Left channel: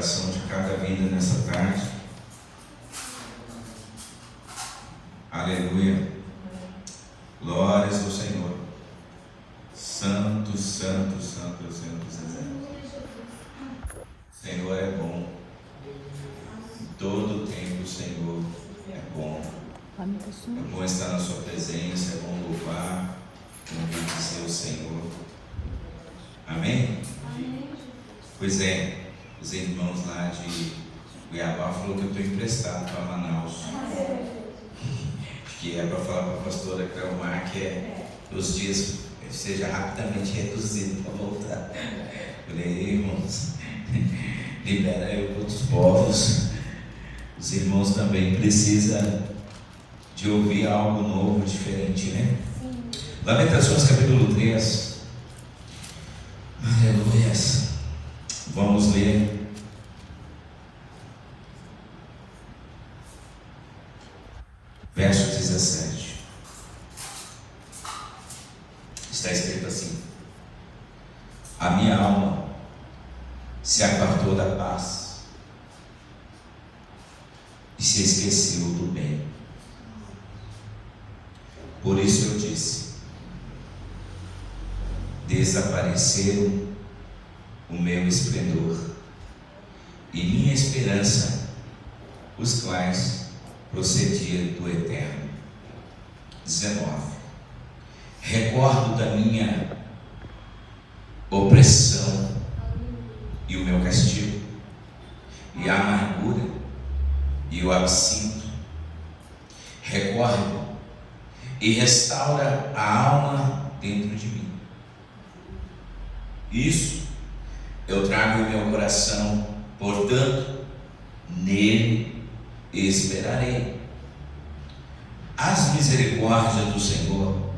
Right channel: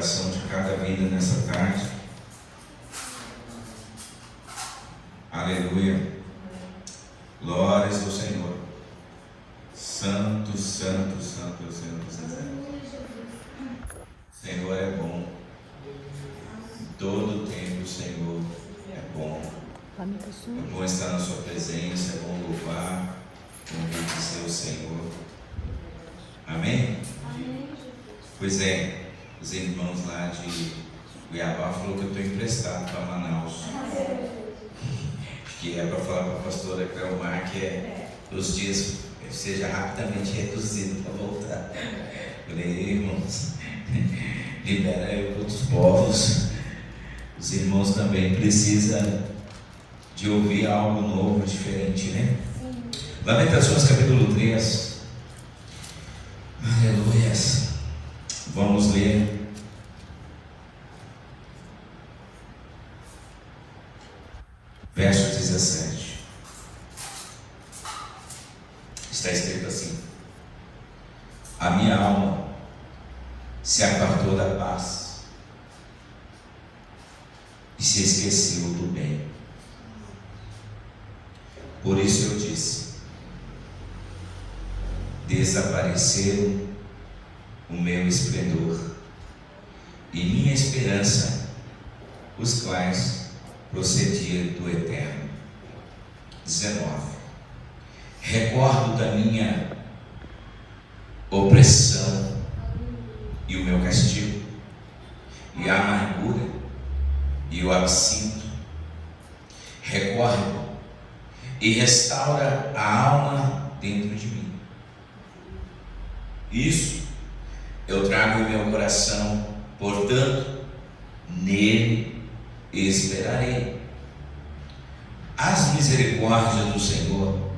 coração de cada vida nessa tarde. Aleluia. Glórias ao Senhor. Santo, santo, santo, santo, santo. O Senhor é bom. Todo tempo o Senhor é bom. É bom estar na sua presença, é bom louvar, é bom bendizer o Senhor. Amém? Pois é, os irmãos lá de Cuiabá falaram que eu estou emprestado para Manaus. Que é para falar para a pastora Carolmar que os dias seja rapidamente reduzido para voltar. Eu falei, irmãos, libera aí outros povos. Os irmãos também precisam de ouvir algo novo, diferente, né? Lamentações capítulo 3. Aleluia. Vamos ler. Verso 17. Está escrito assim: a minha alma se apartou da paz e se esqueceu do bem. Por isso eu disse: desapareceu o meu esplendor e minha esperança, os quais procedia do Eterno. 19. Recordo da minha opressão e o meu castigo, e a amargura e o absinto. Recordo e restaura a alma dentro de mim. Isso eu trago em meu coração, portanto, nele esperarei. As misericórdias do Senhor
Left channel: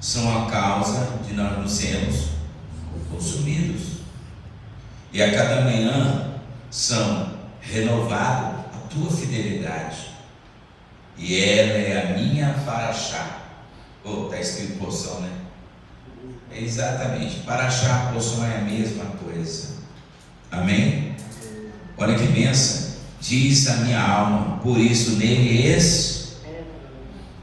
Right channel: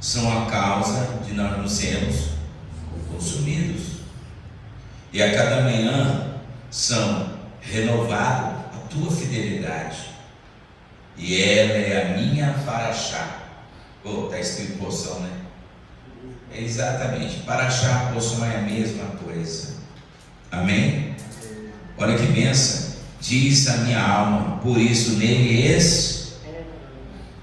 são a causa de nós não sermos consumidos, e a cada manhã são renovadas a tua fidelidade, e ela é a minha paraxá. Está escrito porção, né? É exatamente, paraxá, porção é a mesma coisa. Amém? Olha que bênção. Diz a minha alma, por isso nele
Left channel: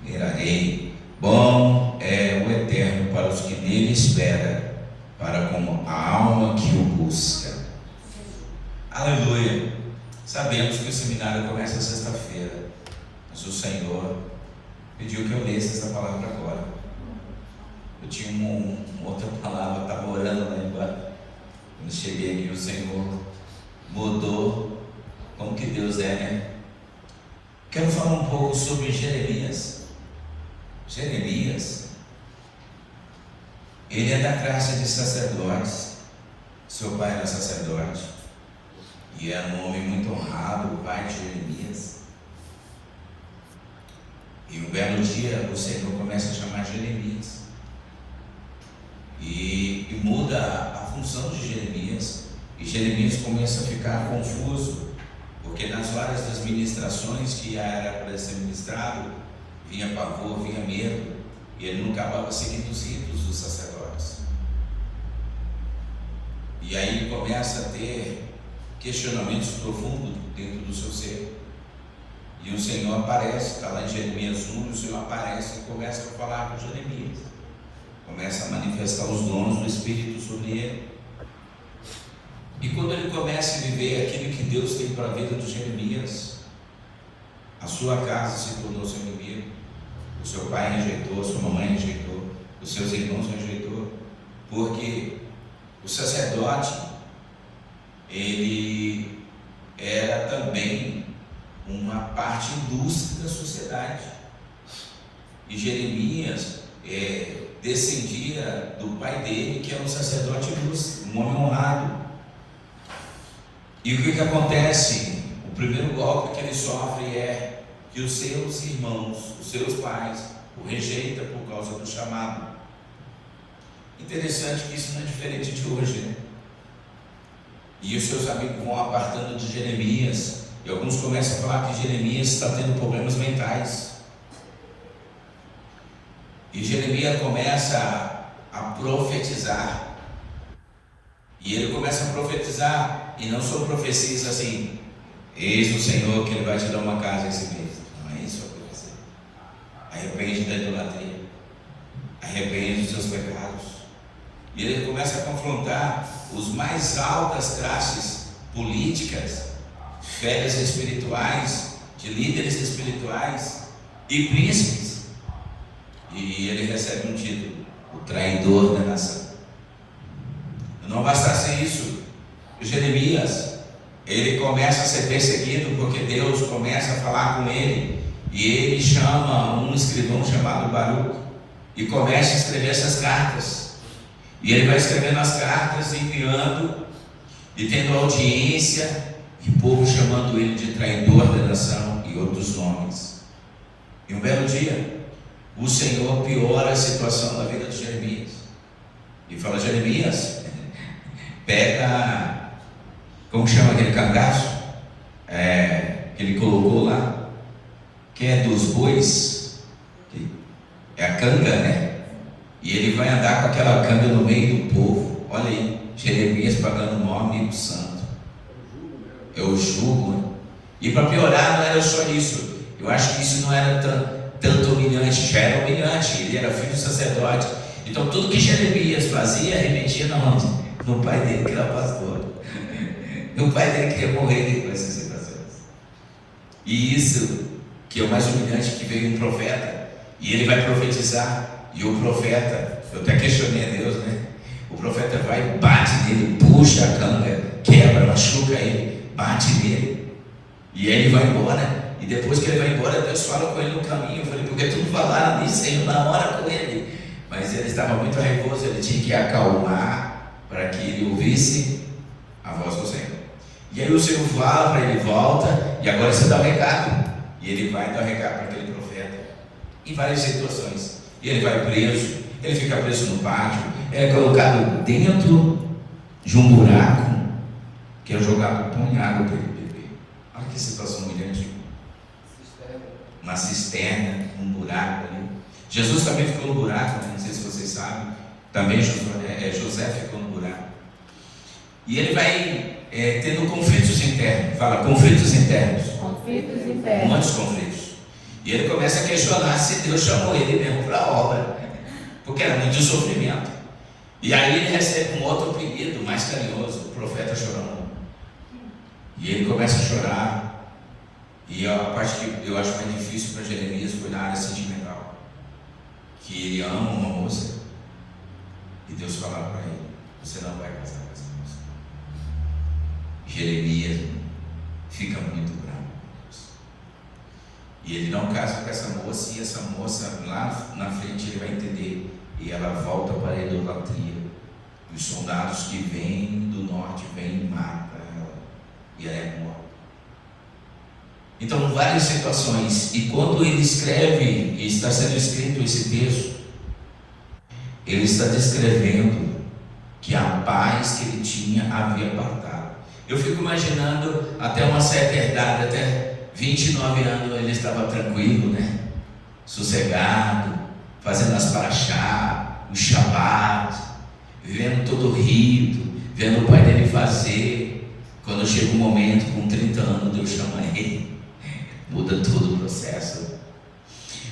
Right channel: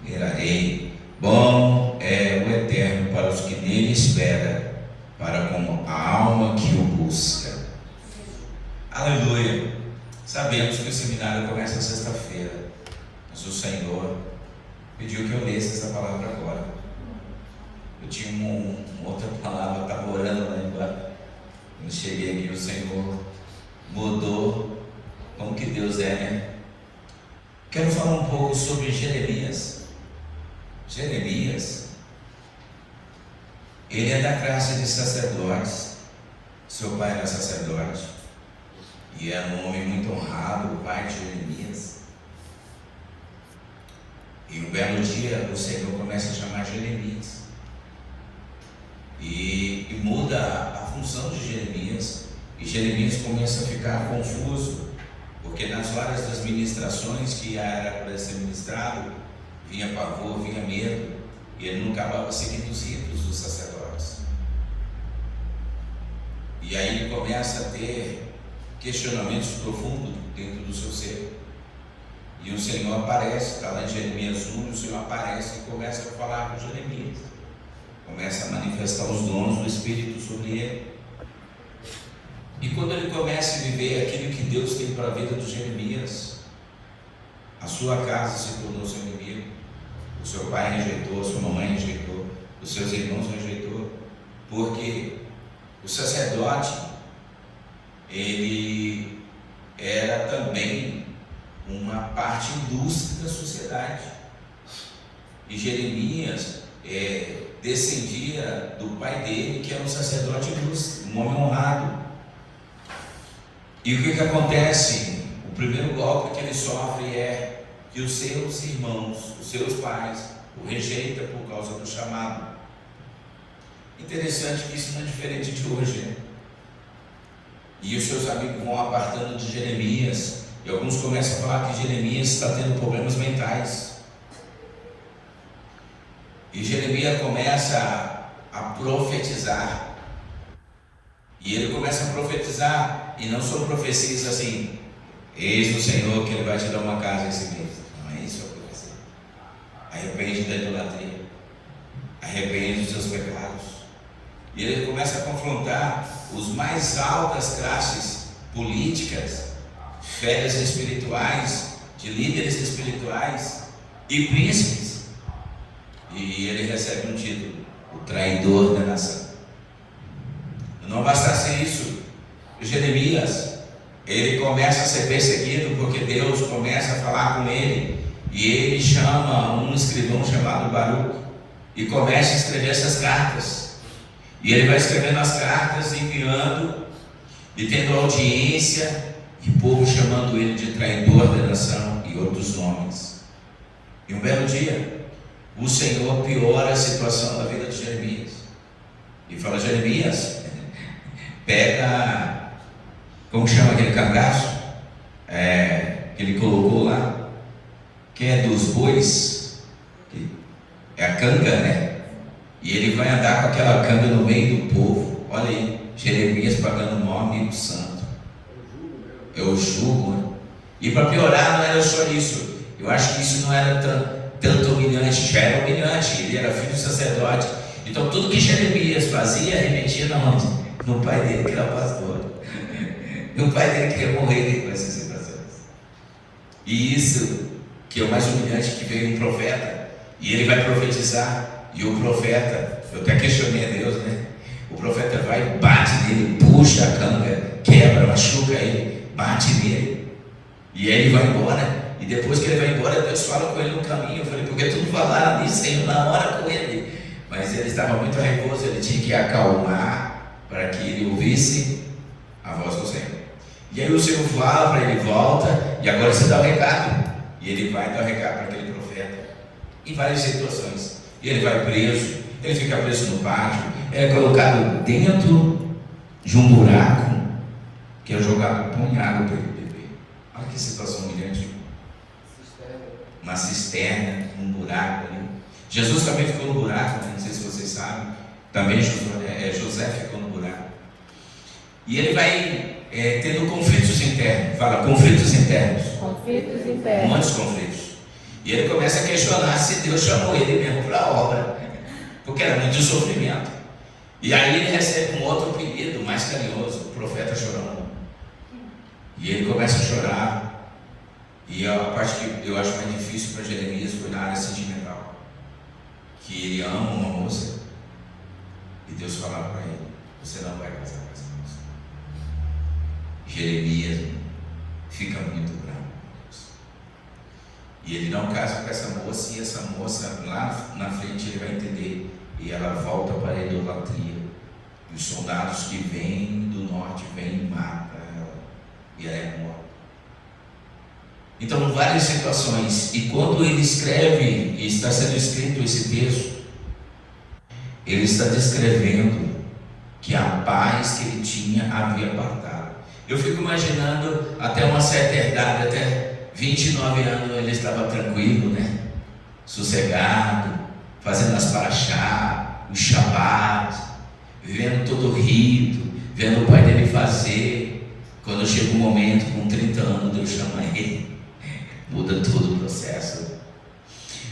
esperarei. Bom é o Eterno para os que nele esperam, para como a alma que o busca. Aleluia. Sabemos que o seminário começa sexta-feira, mas o Senhor pediu que eu lesse essa palavra agora. Eu tinha uma outra palavra, estava orando lá agora. Quando cheguei aqui, o Senhor mudou. Como que Deus é, né? Quero falar um pouco sobre Jeremias. Jeremias, ele é da classe de sacerdotes. Seu pai era sacerdote e era um homem muito honrado, o pai de Jeremias. E um belo dia o Senhor começa a chamar Jeremias e muda a função de Jeremias, e Jeremias começa a ficar confuso, porque nas várias das ministrações que era para ser ministrado, vinha pavor, vinha medo, e ele não acabava seguindo os ritos dos sacerdotes. E aí ele começa a ter questionamentos profundos dentro do seu ser. E o Senhor aparece, está lá em Jeremias 1, o Senhor aparece e começa a falar com Jeremias. Começa a manifestar os dons do Espírito sobre ele. E quando ele começa a viver aquilo que Deus tem para a vida de Jeremias, a sua casa se tornou seu inimigo. O seu pai rejeitou, a sua mamãe rejeitou, os seus irmãos rejeitou, porque o sacerdote, ele era também uma parte ilustre da sociedade. E Jeremias descendia do pai dele, que era um sacerdote ilustre, um homem honrado. E o que acontece? O primeiro golpe que ele sofre é que os seus irmãos, os seus pais, o rejeitam por causa do chamado. Interessante que isso não é diferente de hoje, né? E os seus amigos vão apartando de Jeremias, e alguns começam a falar que Jeremias está tendo problemas mentais. E Jeremias começa a profetizar. E ele começa a profetizar E não são profecias assim, eis o Senhor que Ele vai te dar uma casa esse mês. Não é isso a profecia. Arrepende da idolatria, arrepende dos seus pecados. E ele começa a confrontar os mais altas classes políticas, esferas espirituais, de líderes espirituais e príncipes. E ele recebe um título: o traidor da nação. Não bastasse isso, Jeremias, ele começa a ser perseguido porque Deus começa a falar com ele, e ele chama um escrivão chamado Baruque e começa a escrever essas cartas. E ele vai escrevendo as cartas, enviando e tendo audiência, e o povo chamando ele de traidor da nação e outros nomes. E um belo dia, o Senhor piora a situação da vida de Jeremias e fala: Jeremias, pega, como chama aquele cangaço que ele colocou lá, que é dos bois, é a canga, né? E ele vai andar com aquela canga no meio do povo. Olha aí, Jeremias pagando o maior amigo santo. É o jugo, né? E para piorar, não era só isso. Eu acho que isso não era tanto humilhante, já era humilhante. Ele era filho do sacerdote. Então tudo que Jeremias fazia remetia na onde? No pai dele, que era pastor. No pai dele que ia morrer com essas situações. E isso que é o mais humilhante, que veio um profeta. E ele vai profetizar. E o profeta, eu até questionei a Deus, né? O profeta vai, bate nele, puxa a canga, quebra, machuca ele, bate nele. E aí ele vai embora. E depois que ele vai embora, Deus fala com ele no caminho. Eu falei: porque tu falaram isso aí na hora com ele? Mas ele estava muito raivoso, ele tinha que acalmar para que ele ouvisse a voz do Senhor. E aí o Senhor fala para ele: volta, e agora você dá o recado. E ele vai dar o recado para aquele profeta. Em várias situações. Ele vai preso, ele fica preso no pátio, ele é colocado dentro de um buraco, que é jogado com água para ele beber. Olha que situação humilhante. Uma cisterna, um buraco ali. Jesus também ficou no buraco, né? Não sei se vocês sabem. Também José ficou no buraco. E ele vai tendo conflitos internos. Fala, conflitos internos. Conflitos internos. Muitos conflitos. E ele começa a questionar se Deus chamou ele mesmo para a obra, porque era muito sofrimento. E aí ele recebe um outro apelido mais carinhoso, o profeta chorão. E ele começa a chorar. E a parte que eu acho mais difícil para Jeremias foi na área sentimental, que ele ama uma moça e Deus fala para ele: você não vai casar com essa moça. Jeremias fica muito bravo. E ele não casa com essa moça, e essa moça lá na frente ele vai entender. E ela volta para a idolatria. E os soldados que vêm do norte vêm e matam ela. E ela é morta. Então, várias situações. E quando ele escreve, e está sendo escrito esse texto, ele está descrevendo que a paz que ele tinha havia apartado. Eu fico imaginando até uma certa idade, até 29 anos, ele estava tranquilo, né? Sossegado, fazendo as paraxá, o shabat, vivendo todo o rito, vendo o pai dele fazer. Quando chega um momento, com 30 anos, Deus chama ele, muda todo o processo.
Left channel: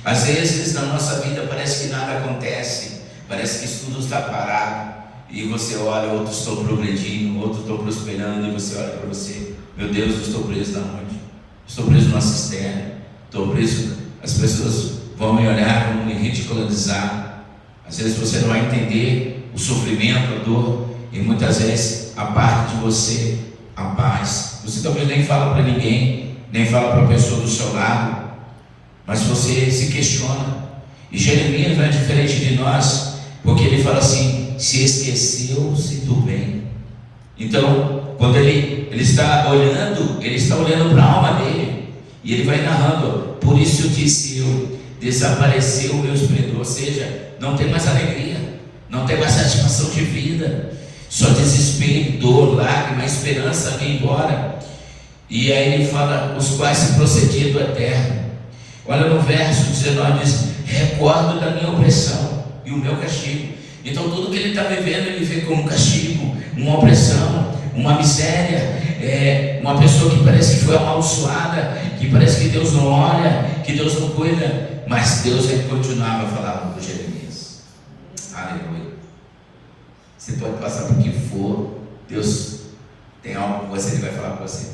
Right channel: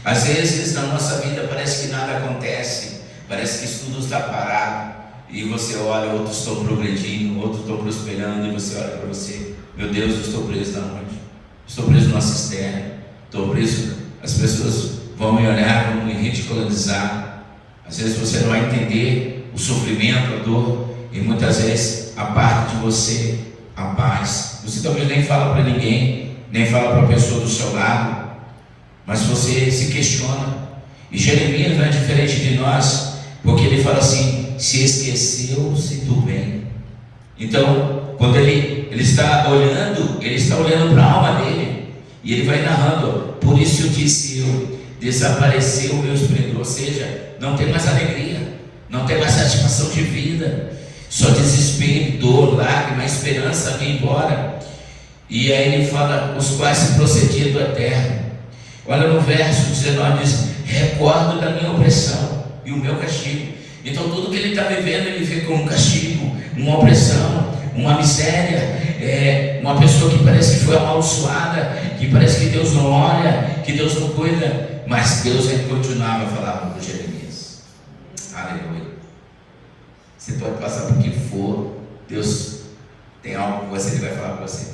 Às vezes na nossa vida parece que nada acontece, parece que tudo está parado, e você olha, outros estão progredindo, outros estão prosperando, e você olha para você: meu Deus, eu estou preso na noite. Estou preso numa cisterna, estou preso, as pessoas vão me olhar, vão me ridicularizar. Às vezes você não vai entender o sofrimento, a dor, e muitas vezes a parte de você, a paz. Você talvez nem fala para ninguém, nem fala para a pessoa do seu lado, mas você se questiona. E Jeremias não é diferente de nós, porque ele fala assim: se esqueceu-se do bem. Então, quando ele está olhando para a alma dele, e ele vai narrando: por isso eu disse eu, desapareceu o meu esplendor. Ou seja, não tem mais alegria, não tem mais satisfação de vida, só desespero, dor, lágrima, esperança vai embora. E aí ele fala: os quais se procediam do eterno. Olha no verso 19, diz: recordo da minha opressão e o meu castigo. Então tudo que ele está vivendo, ele vê como um castigo, uma opressão, uma miséria. uma pessoa que parece que foi amaldiçoada, que parece que Deus não olha, que Deus não cuida, mas Deus continuava a falar com Jeremias. Aleluia. Você pode passar por que for, Deus tem algo com você, Ele vai falar com você.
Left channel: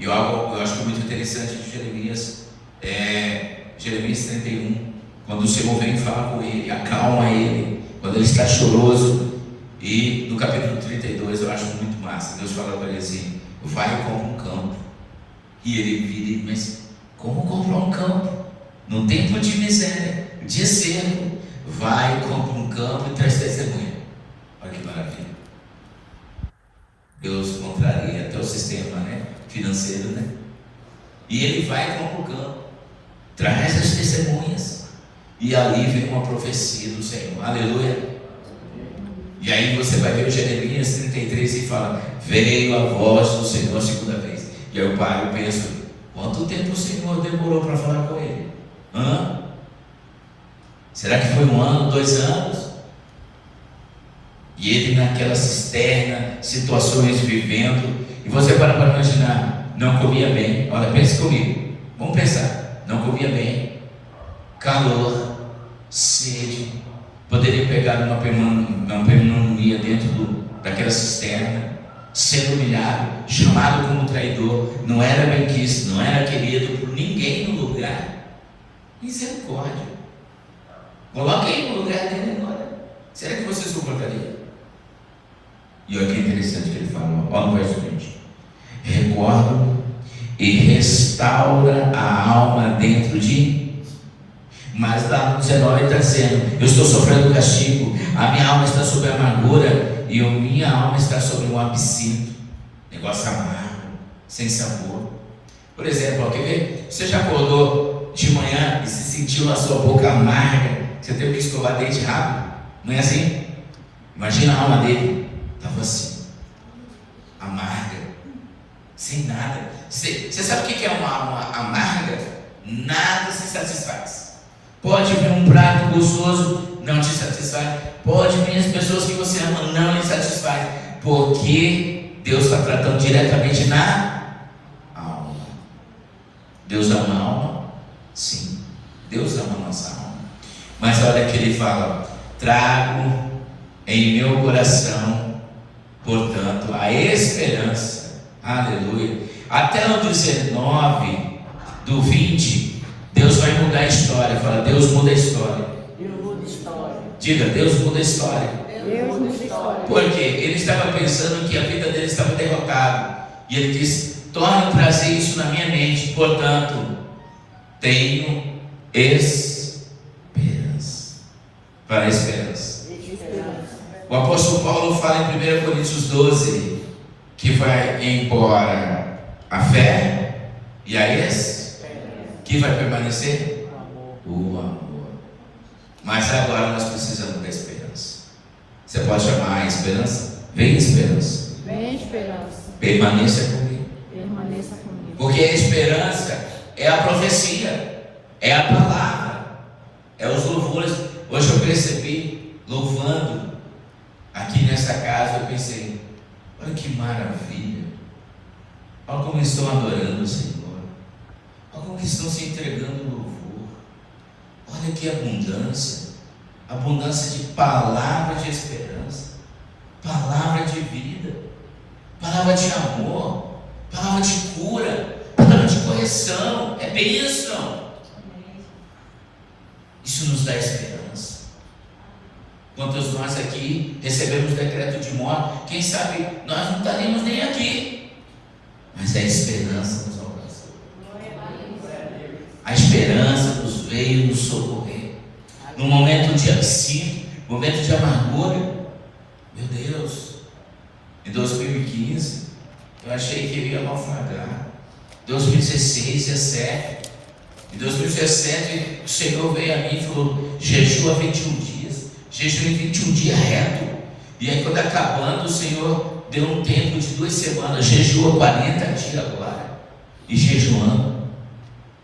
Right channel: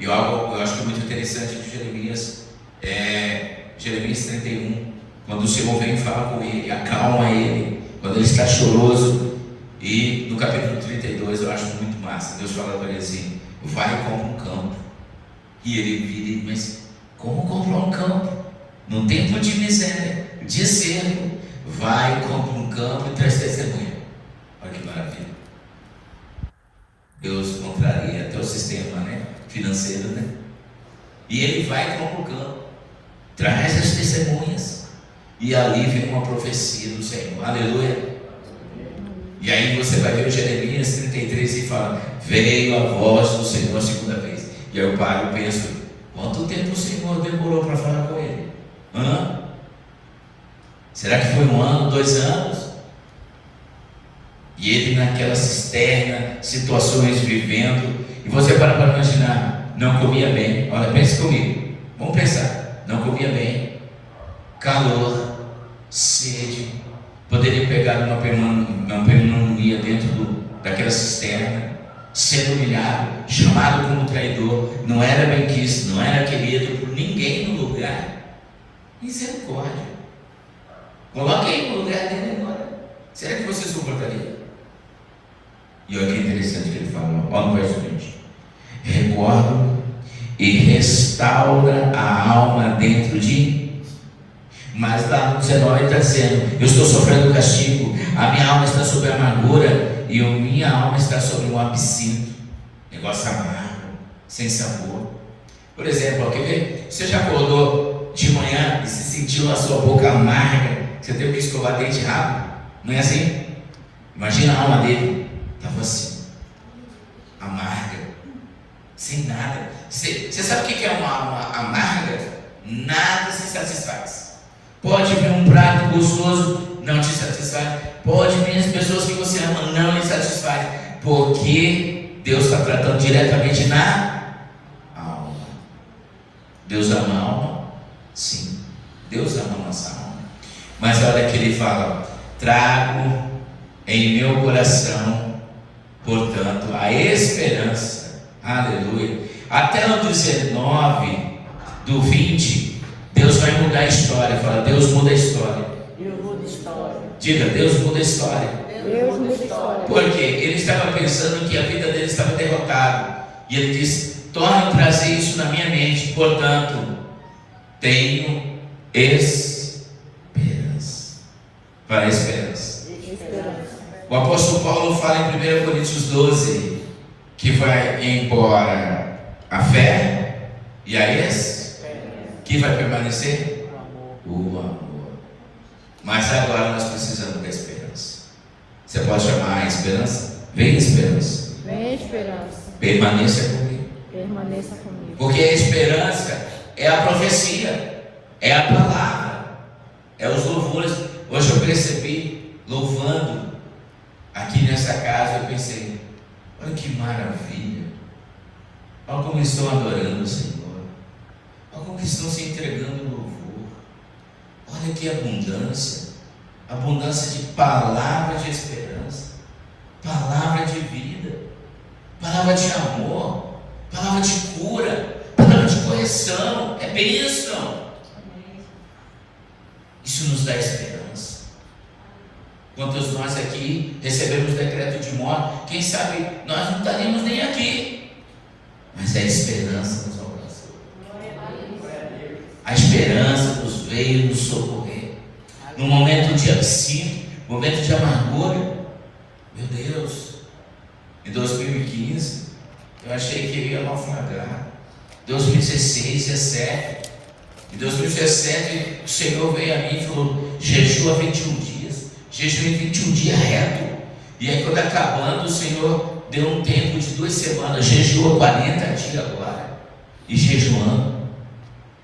E eu acho que é muito interessante de Jeremias, Jeremias 31, quando o Senhor vem falar com ele, acalma ele, quando ele está choroso. E no capítulo 32 eu acho muito massa, Deus fala para ele assim: vai e compra um campo. E ele vira, mas como comprar um campo? Num tempo de miséria, de cerco, vai e compra um campo e traz testemunha. Olha que maravilha. Deus contraria até o sistema, financeiro, E ele vai e compra o campo, traz as testemunhas, e ali vem uma profecia do Senhor. Aleluia. E aí você vai ver o Jeremias 33 e fala: veio a voz do Senhor a segunda vez. E aí eu paro e penso: quanto tempo o Senhor demorou para falar com ele? Será que foi 1 ano, 2 anos? E ele naquela cisterna, situações vivendo, e você para imaginar, não comia bem. Olha, pense comigo, vamos pensar, não comia bem, calor, sede, poderia pegar uma pneumonia dentro daquela cisterna, ser humilhado, chamado como traidor, não era bem quisto, não era querido por ninguém no lugar. Misericórdia. Coloque aí no lugar dele agora. Será que você suportaria? E olha que interessante que ele fala, olha no verso 20: recordo e restaura a alma dentro de mim. Mas lá no 19 está dizendo: eu estou sofrendo castigo, a minha alma está sob amargura, e a minha alma está sobre um absinto, negócio amargo, sem sabor. Por exemplo, você já acordou de manhã e se sentiu a sua boca amarga, você teve que escovar dente rápido, não é assim? Imagina a alma dele, estava assim, amarga, sem nada. Você sabe o que é uma alma amarga? Nada se satisfaz. Pode vir um prato gostoso, não te satisfaz. Pode vir as pessoas que você ama, não lhe satisfaz. Porque Deus está tratando diretamente na alma. Deus ama a alma? Sim, Deus ama a nossa alma. Mas olha que ele fala: trago em meu coração, portanto, a esperança. Aleluia. Até o 19 do 20, Deus vai mudar a história. Fala: Deus muda a história. Deus muda a história. Diga: Deus muda a história. Deus muda a história. Porque ele estava pensando que a vida dele estava derrotada. E ele disse: torne a trazer isso na minha mente. Portanto, tenho esperança. Para a esperança. O apóstolo Paulo fala em 1 Coríntios 12 que vai embora a fé e a que vai permanecer? O amor. Mas agora nós precisamos da esperança. Você pode chamar a esperança? Vem esperança. Vem esperança. Permaneça comigo. Permaneça comigo. Porque a esperança é a profecia, é a palavra, é os louvores. Hoje eu percebi, louvando aqui nessa casa, eu pensei: olha que maravilha. Olha como estão adorando o Senhor. Olha como estão se entregando no louvor. Olha que abundância. Abundância de palavras de esperança, palavra de vida, palavra de amor, palavra de cura, palavra de correção. É bênção. Isso nos dá esperança. Quantos nós aqui recebemos decreto de morte, quem sabe nós não estaríamos nem aqui. Mas a esperança nos alcançou. A esperança nos veio nos socorrer. No momento de absinto, momento de amargura. Meu Deus, em 2015, eu achei que eu ia naufragar. 2016, 17. Em 2017, o Senhor veio a mim e falou: jejua 21 dias. Jejum 21 dias reto. E aí, quando acabando, o Senhor deu um tempo de 2 semanas. Jejua 40 dias agora. E jejuando,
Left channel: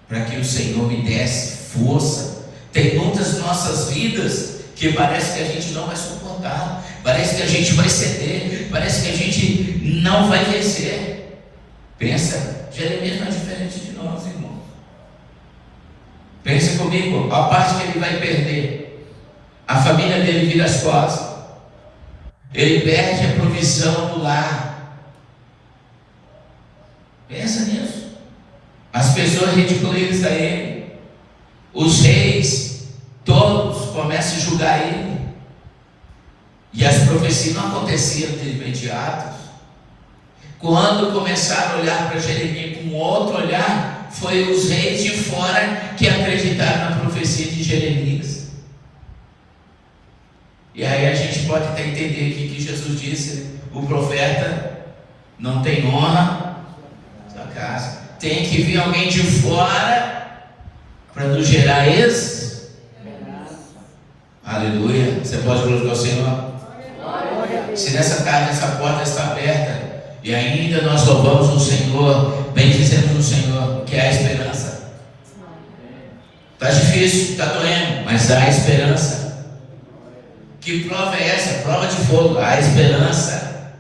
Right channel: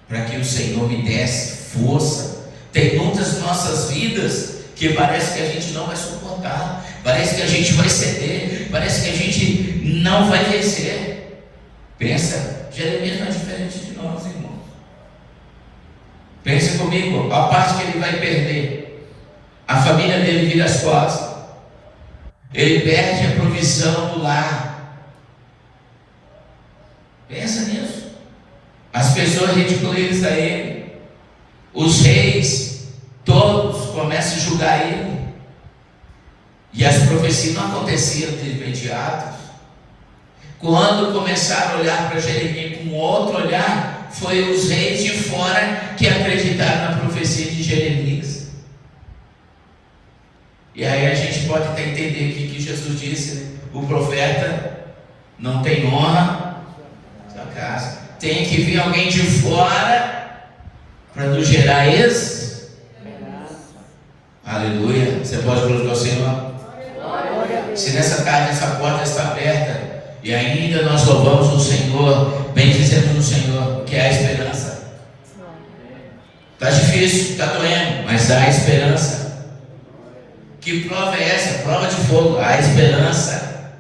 para que o Senhor me desse força. Tem muitas nossas vidas que parece que a gente não vai suportar. Parece que a gente vai ceder. Parece que a gente não vai vencer. Pensa, Jeremias não é diferente de nós, irmãos. Pense comigo, a parte que ele vai perder. A família dele vira as costas. Ele perde a provisão do lar. Pensa nisso. As pessoas ridicularizam ele. Os reis, todos começam a julgar ele. E as profecias não aconteciam de imediato. Quando começaram a olhar para Jeremias com outro olhar, foi os reis de fora que acreditaram na profecia de Jeremias. E aí a gente pode até entender que Jesus disse: o profeta não tem honra na casa. Tem que vir alguém de fora para nos gerar esse. Aleluia. Você pode glorificar o Senhor? Se nessa tarde essa porta está aberta e ainda nós louvamos o Senhor, bendizemos o Senhor, que é a esperança. Está difícil, está doendo, mas há esperança. Que prova é essa? Prova de fogo. Há esperança.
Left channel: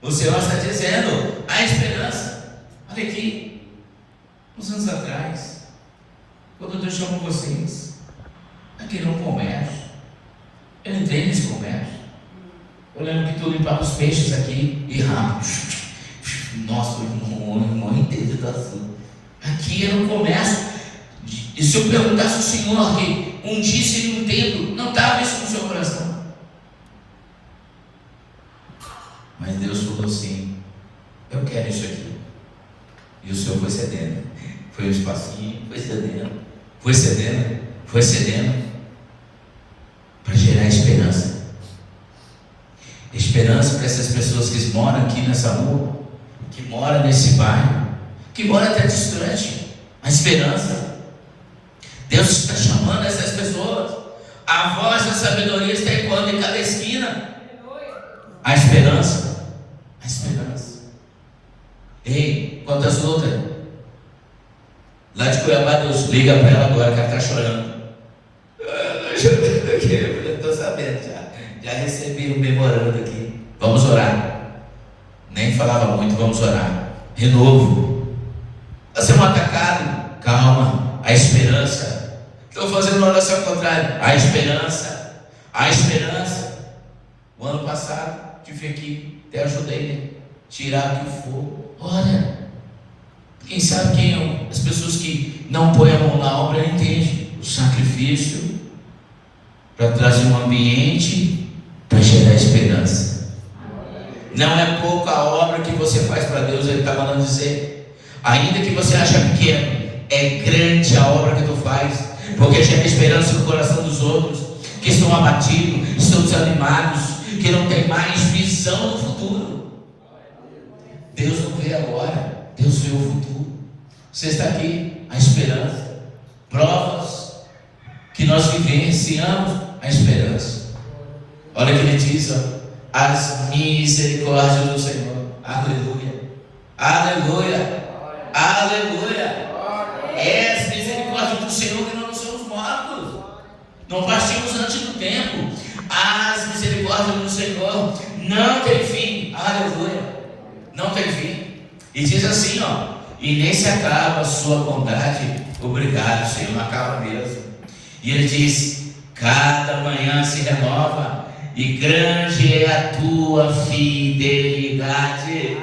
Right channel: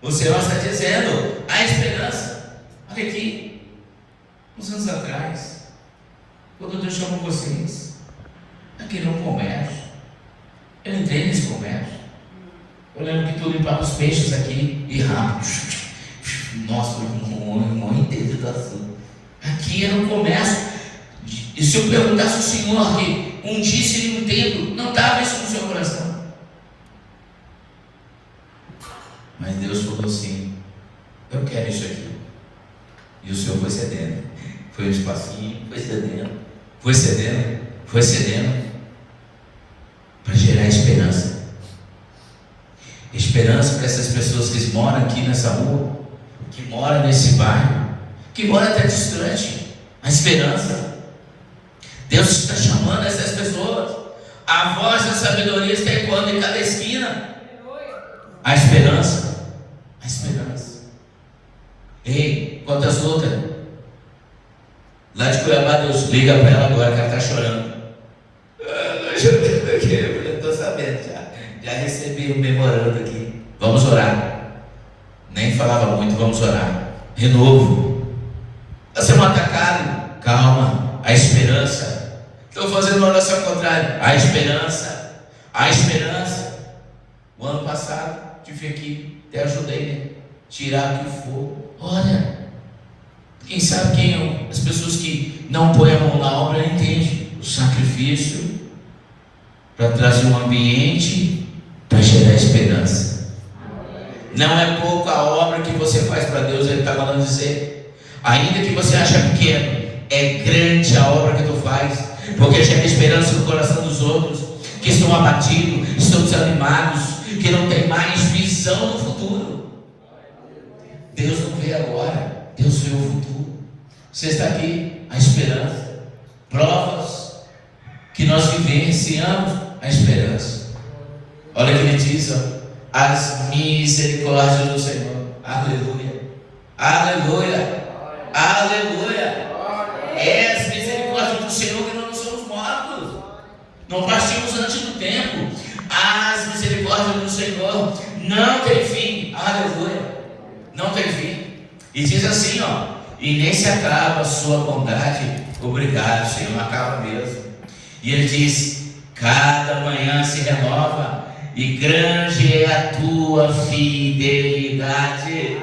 O Senhor está dizendo: há esperança. Olha aqui, uns anos atrás, quando eu chamo vocês, aqui no comércio, eu entrei nesse comércio. Eu lembro que tu limpava os peixes aqui e rápido. Nossa, eu não entendo assim. Aqui era um comércio. E se eu perguntasse ao Senhor que um dia seria um templo, não estava isso no seu coração. Mas Deus falou assim: eu quero isso aqui. E o Senhor foi cedendo. Foi um espacinho, foi cedendo. Foi cedendo, foi cedendo. Para gerar esperança. Esperança para essas pessoas que moram aqui nessa rua, que moram nesse bairro, que moram até distante. A esperança. Deus está chamando essas pessoas. A voz da sabedoria está ecoando em cada esquina. A esperança. A esperança. Ei, quantas lutas? Lá de Cuiabá, Deus liga para ela agora, que ela está chorando. Eu estou sabendo já. Já recebi um memorando aqui. Vamos orar. Nem falava muito, vamos orar. Renovo. Está sendo atacado. Calma. A esperança. Estou fazendo uma oração contrária. A esperança. A esperança. O ano passado, tive aqui, até ajudei a tirar o que for. Olha. Quem sabe quem as pessoas que não põem a mão na obra entendem o sacrifício para trazer um ambiente para gerar esperança. Não é pouca a obra que você faz para Deus. Ele está falando dizer, ainda que você ache pequeno, é grande a obra que tu faz, porque gera esperança no coração dos outros que estão abatidos, estão desanimados, que não tem mais visão no futuro. Deus não vê agora, Deus vê o futuro. Você está aqui, a esperança, provas que nós vivenciamos a esperança. Olha o que ele diz, ó, as misericórdias do Senhor. Aleluia, aleluia, aleluia. É as misericórdias do Senhor que não nos somos mortos, não partimos antes do tempo. As misericórdias do Senhor não tem fim. Aleluia, não tem fim. E diz assim, ó, e nem se acaba a sua bondade. Obrigado, Senhor, acaba mesmo. E ele diz, cada manhã se renova, e grande é a tua fidelidade.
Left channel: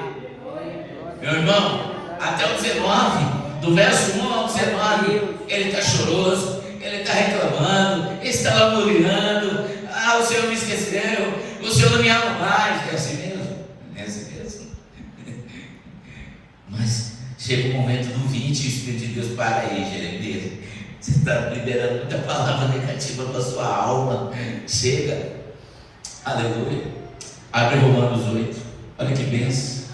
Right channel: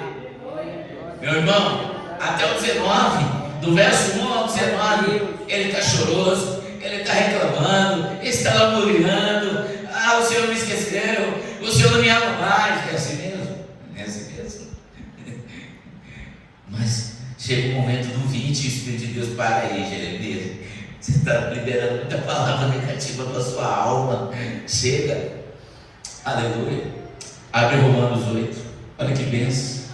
Meu irmão, até o 19, do verso 1 ao 19, ele está choroso, ele está reclamando, ele está lamuriando. Ah, o Senhor me esqueceu, o Senhor não me ama mais. É assim mesmo? É assim mesmo. Mas chega um momento do 20, o Espírito de Deus para aí, Jeremias. Você está liberando muita palavra negativa para a sua alma. Chega. Aleluia. Abre Romanos 8. Olha que bênção.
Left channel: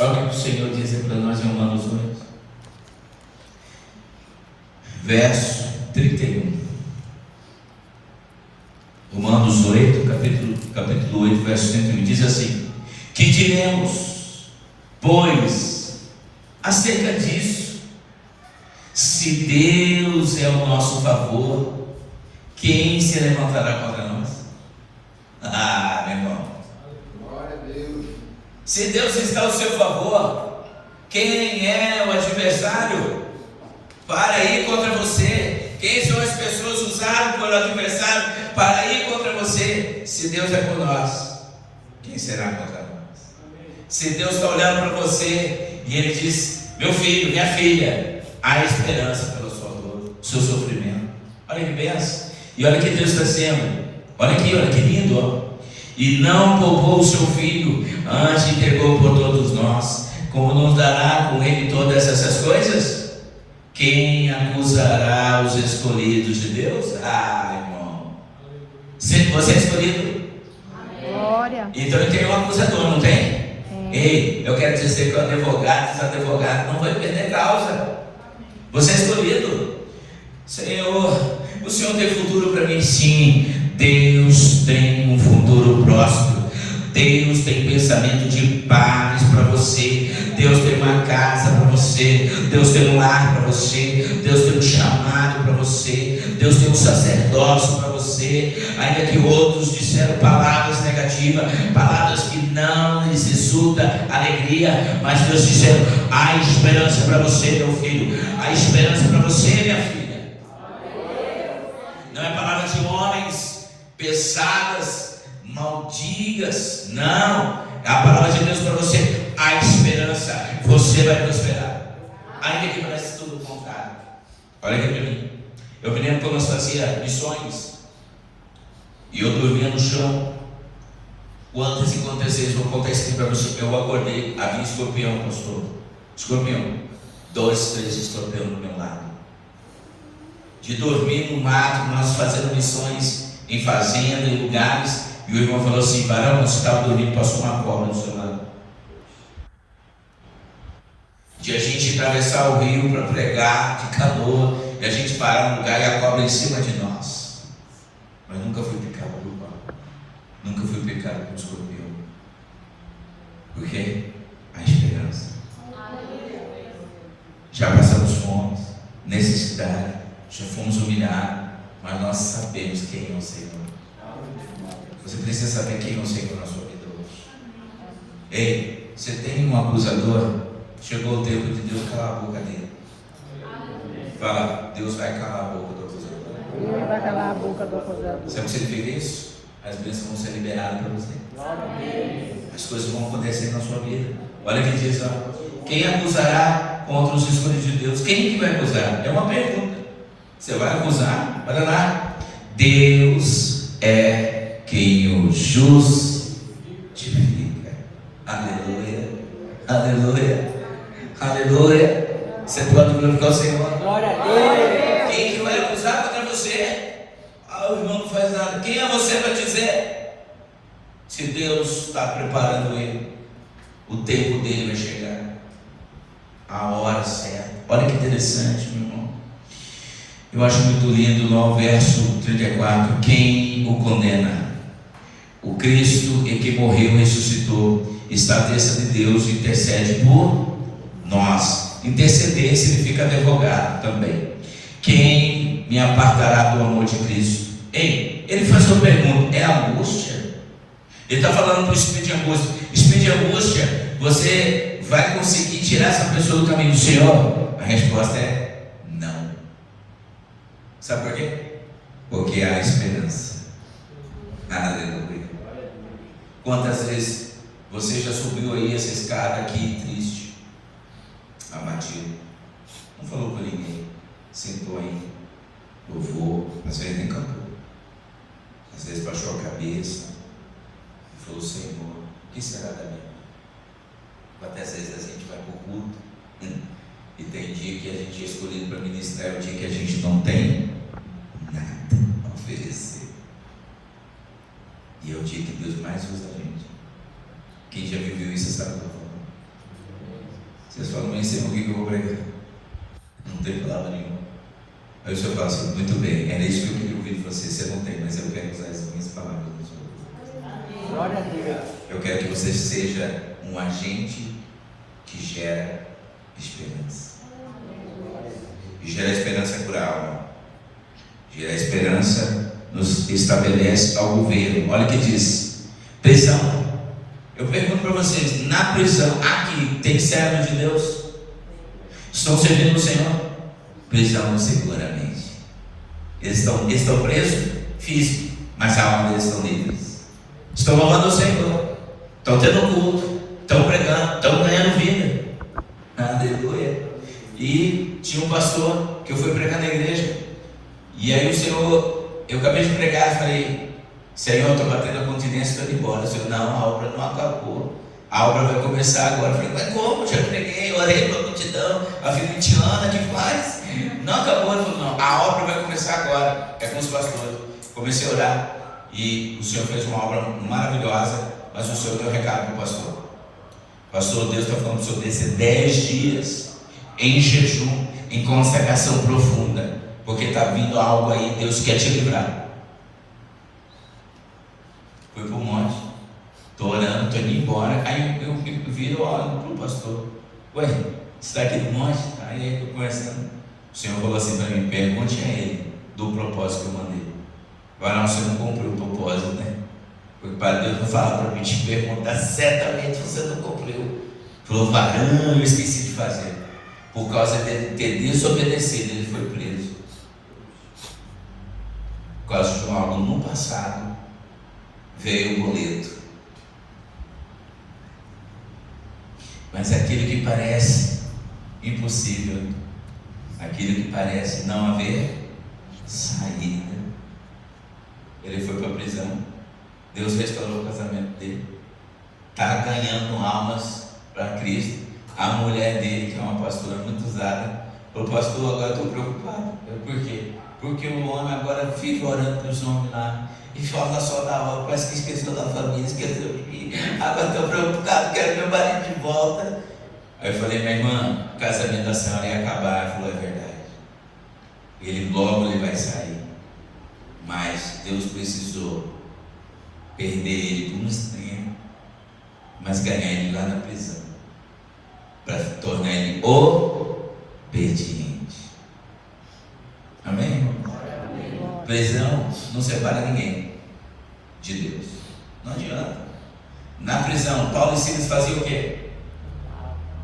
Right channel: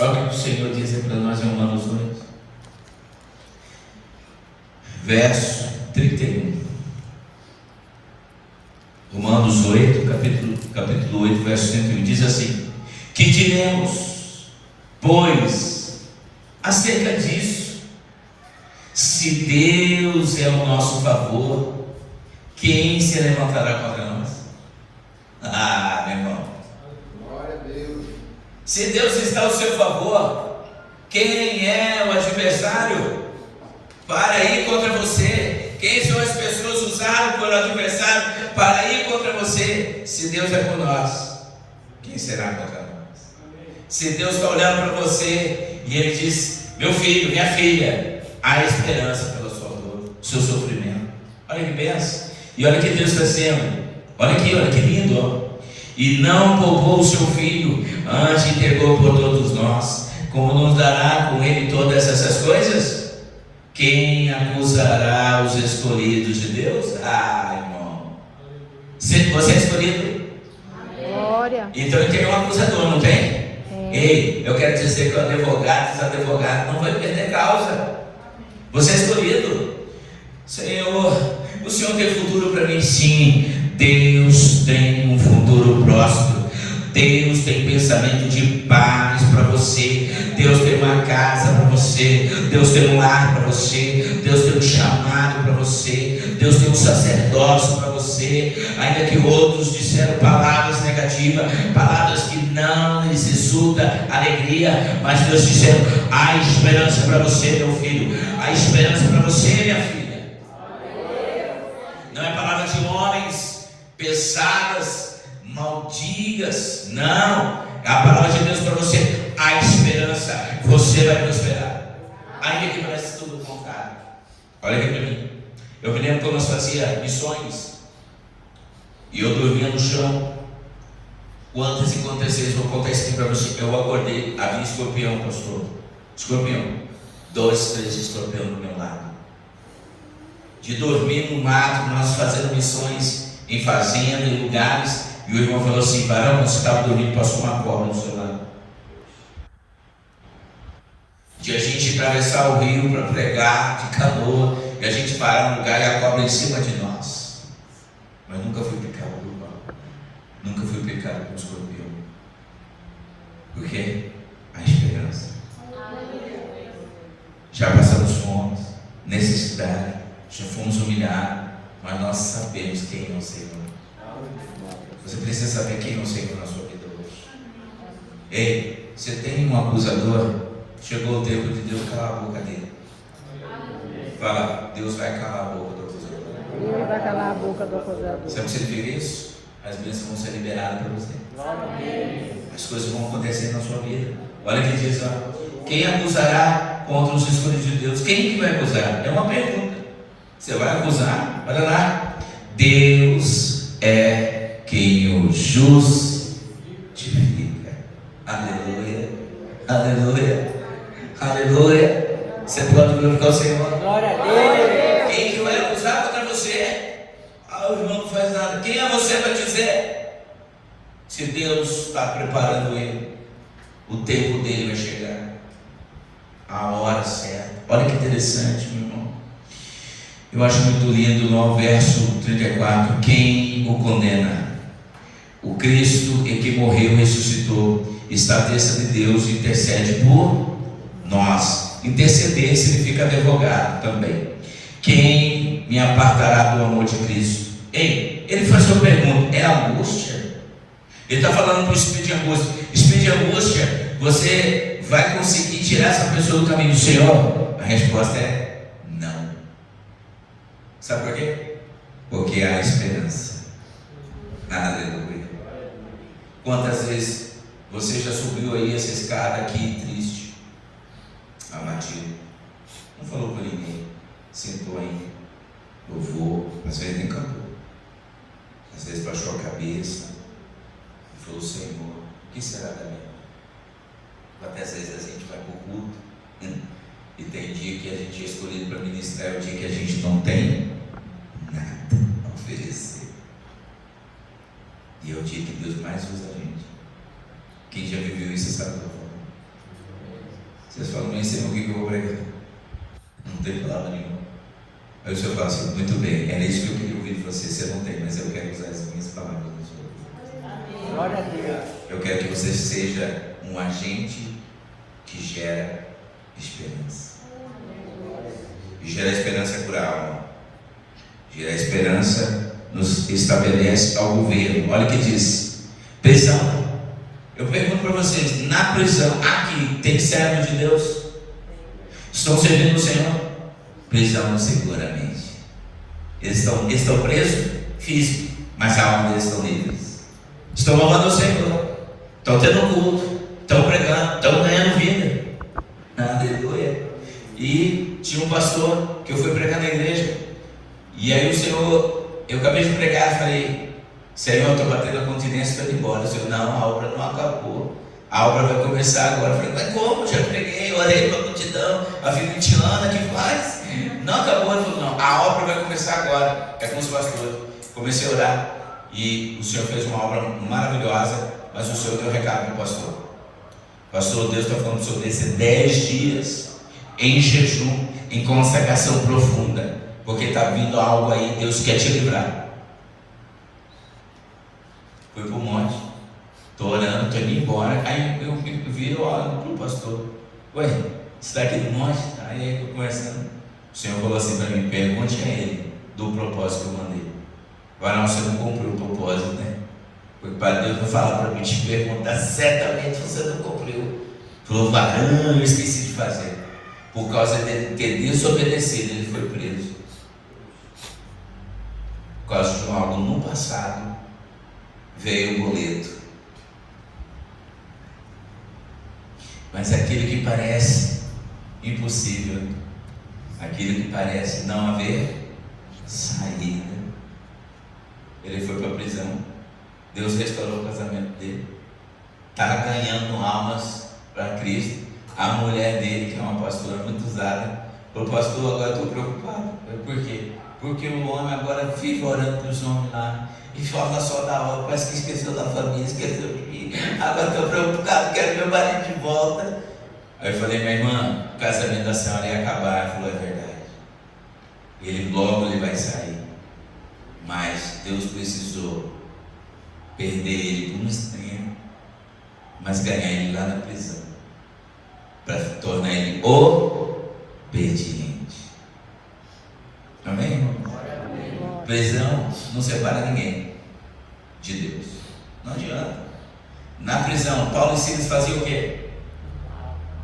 Olha o que o Senhor diz para nós em Romanos 8. Verso 31. Romanos 8, capítulo 8, verso 31. Diz assim: que diremos, pois, acerca disso? Se Deus é o nosso favor, quem se levantará contra nós? Ah, meu irmão. Se Deus está ao seu favor, Quem é o adversário para ir contra você? Quem são as pessoas usadas pelo adversário para ir contra você? Se Deus é por nós, quem será contra nós? Se Deus está olhando para você e Ele diz: meu filho, minha filha, há esperança pela sua dor, seu sofrimento. Olha que benção. E olha que Deus está dizendo. Olha que lindo, ó. E não poupou o seu filho, antes entregou por todos nós. Como nos dará com Ele todas essas coisas? Quem acusará os escolhidos de Deus? Ah, irmão. Você é escolhido? Glória. Então ele tem um acusador, não tem? Ei, eu quero dizer que o advogado não vai perder causa. Você é escolhido. Senhor, o Senhor tem futuro para mim? Sim. Deus tem um futuro próspero. Deus tem pensamento de paz para você. Deus tem uma casa para você. Deus tem um lar para você. Deus tem um chamado para você. Deus tem um sacerdócio para você. Ainda que outros disseram palavras negativas, palavras que não lhes resulta alegria, mas Deus dizendo: há esperança para você, meu filho. Há esperança para você, minha filha. Não é palavra de homens pesadas, maldigas. Não. É a palavra de Deus para você. Há esperança. Você vai prosperar. Ainda que parece tudo o contrário. Olha aqui para mim. Eu me lembro quando nós fazíamos missões e eu dormia no chão. Quantas aconteceu? Vou contar isso aqui para você. Eu acordei, havia escorpião, pastor. Escorpião. 2, 3 escorpião do meu lado. De dormir no mato, nós fazendo missões em fazenda, em lugares. E o irmão falou assim: varão, você estava dormindo, passou uma cobra no seu lado. De a gente atravessar o rio para pregar de canoa, e a gente parar no lugar e a cobra em cima de nós. Mas nunca fui picado por cobra. Nunca fui picado por escorpião. Porque a esperança. Já passamos fome, necessidade, já fomos humilhados, mas nós sabemos quem é o Senhor. Você precisa saber quem é o Senhor na sua vida hoje. Ei, você tem um acusador? Chegou o tempo de Deus calar a boca dele. Fala: Deus vai calar a boca do acusador. Deus vai calar a boca do acusador. Você precisa ver isso? As bênçãos vão ser liberadas para você. As coisas vão acontecer na sua vida. Olha que diz lá: quem acusará contra os escolhidos de Deus? Quem que vai acusar? É uma pergunta. Você vai acusar? Olha lá. Deus é quem o justifica. Aleluia. Aleluia. Aleluia. Você pode glorificar o Senhor. Glória a Deus. Quem que vai acusar contra você? O irmão não faz nada. Quem é você para dizer? Se Deus está preparando ele, o tempo dele vai chegar. A hora certa. Olha que interessante, meu irmão. Eu acho muito lindo no verso 34. Quem o condena? O Cristo em que morreu e ressuscitou está à destra de Deus e intercede por nós. Interceder significa advogado também. Quem me apartará do amor de Cristo? Ei, ele faz uma pergunta: é angústia? Ele está falando para o espírito de angústia. Espírito de angústia, você vai conseguir tirar essa pessoa do caminho do Senhor? A resposta é não. Sabe por quê? Porque há esperança. Aleluia. Quantas vezes você já subiu aí essa escada aqui triste, abatido, não falou para ninguém, sentou aí, louvou, às vezes nem cantou, às vezes baixou a cabeça e falou: Senhor, o que será da minha vida? Até às vezes a gente vai para o culto e tem dia que a gente é escolhido para ministrar, dia que a gente não tem nada a oferecer. E é o dia que Deus mais usa a gente. Quem já viveu isso sabe o que eu falo. Vocês falam: mas Senhor, o que eu vou pregar? Não tem palavra nenhuma. Aí o Senhor fala assim: muito bem, era isso que eu queria ouvir de você. Você não tem, mas eu quero usar as minhas palavras na sua vida. Glória a Deus. Eu quero que você seja um agente que gera esperança. E gerar esperança por alma. Gerar esperança nos estabelece ao governo. Olha o que diz: prisão. Eu pergunto para vocês: na prisão aqui tem servo de Deus? Estão servindo o Senhor? Prisão seguramente. Eles estão presos físico, mas a alma deles estão livres. Estão louvando o Senhor, estão tendo culto, estão pregando, estão ganhando vida. Aleluia. E tinha um pastor que eu fui pregar na igreja, e aí o Senhor, eu acabei de pregar, falei: Senhor, eu estou batendo a continência, estou indo embora. O Senhor: não, a obra não acabou, a obra vai começar agora. Eu falei: mas como? Já preguei, orei para a multidão, a vida tirando aqui faz. Não acabou. Ele falou: não, a obra vai começar agora. É com os pastores. Comecei a orar, e o Senhor fez uma obra maravilhosa, mas o Senhor deu um recado para o pastor: pastor, Deus está falando sobre esse 10 dias em jejum, em consagração profunda, porque está vindo algo aí, Deus quer te livrar. Fui para o monte, estou orando, estou indo embora. Aí eu vi, olho para o pastor: ué, você está aqui no monte? Aí eu conversando, o Senhor falou assim para mim: pergunte a ele do propósito que eu mandei. Agora não, você não cumpriu o propósito, né? Porque para Deus não fala para mim te perguntar, certamente você não cumpriu. Falou: varão, eu esqueci de fazer. Por causa de ter desobedecido, ele foi preso. Por causa de algo no passado, veio o boleto. Mas aquilo que parece impossível, aquilo que parece não haver saída, ele foi para a prisão. Deus restaurou o casamento dele, está ganhando almas para Cristo. A mulher dele, que é uma pastora muito usada, falou: pastor, agora estou preocupado. Por quê? Porque o homem agora fica orando para os homens lá, e fala só da obra, parece que esqueceu da família, esqueceu de mim. Agora estou preocupado, quero meu marido de volta. Aí eu falei: minha irmã, o casamento da senhora ia acabar. Ela falou: é verdade, logo ele vai sair. Mas Deus precisou perder ele por um instante, mas ganhar ele lá na prisão, para tornar ele obediente. Amém, irmão? Prisão não separa ninguém de Deus. Não adianta. Na prisão, Paulo e Silas faziam o quê?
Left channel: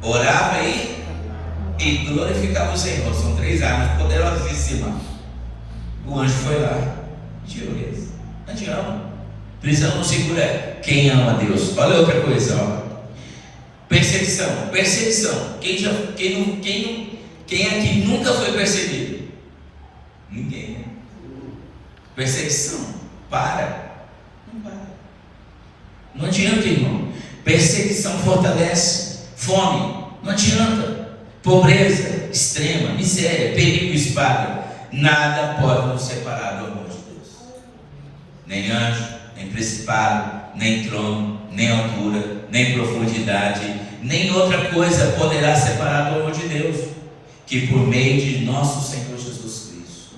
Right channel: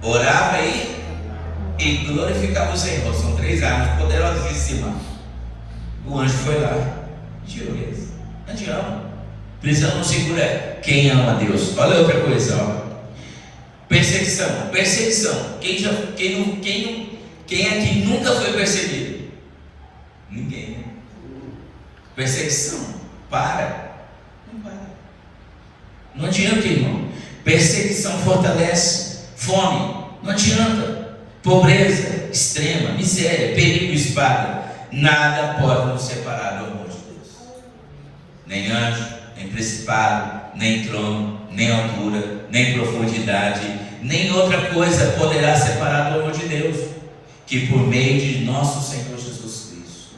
Orava e glorificava o Senhor. São 3 armas poderosíssimas. O anjo foi lá, tirou eles. Não adianta. Prisão não segura quem ama a Deus. Olha outra coisa, ó. Perseguição. Quem aqui nunca foi perseguido? Ninguém. Perseguição. Para. Não adianta, irmão. Perseguição fortalece. Fome. Não adianta. Pobreza extrema, miséria, perigo, espada. Nada pode nos separar do amor de Deus. Nem anjo, nem principado, nem trono, nem altura, nem profundidade, nem outra coisa poderá separar do amor de Deus, que por meio de nosso Senhor Jesus Cristo.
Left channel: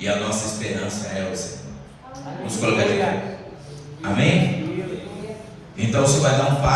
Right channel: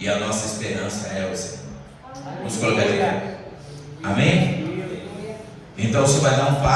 E a nossa esperança é o Senhor. Vamos colocar aqui. Amém? Então você vai dar um passo.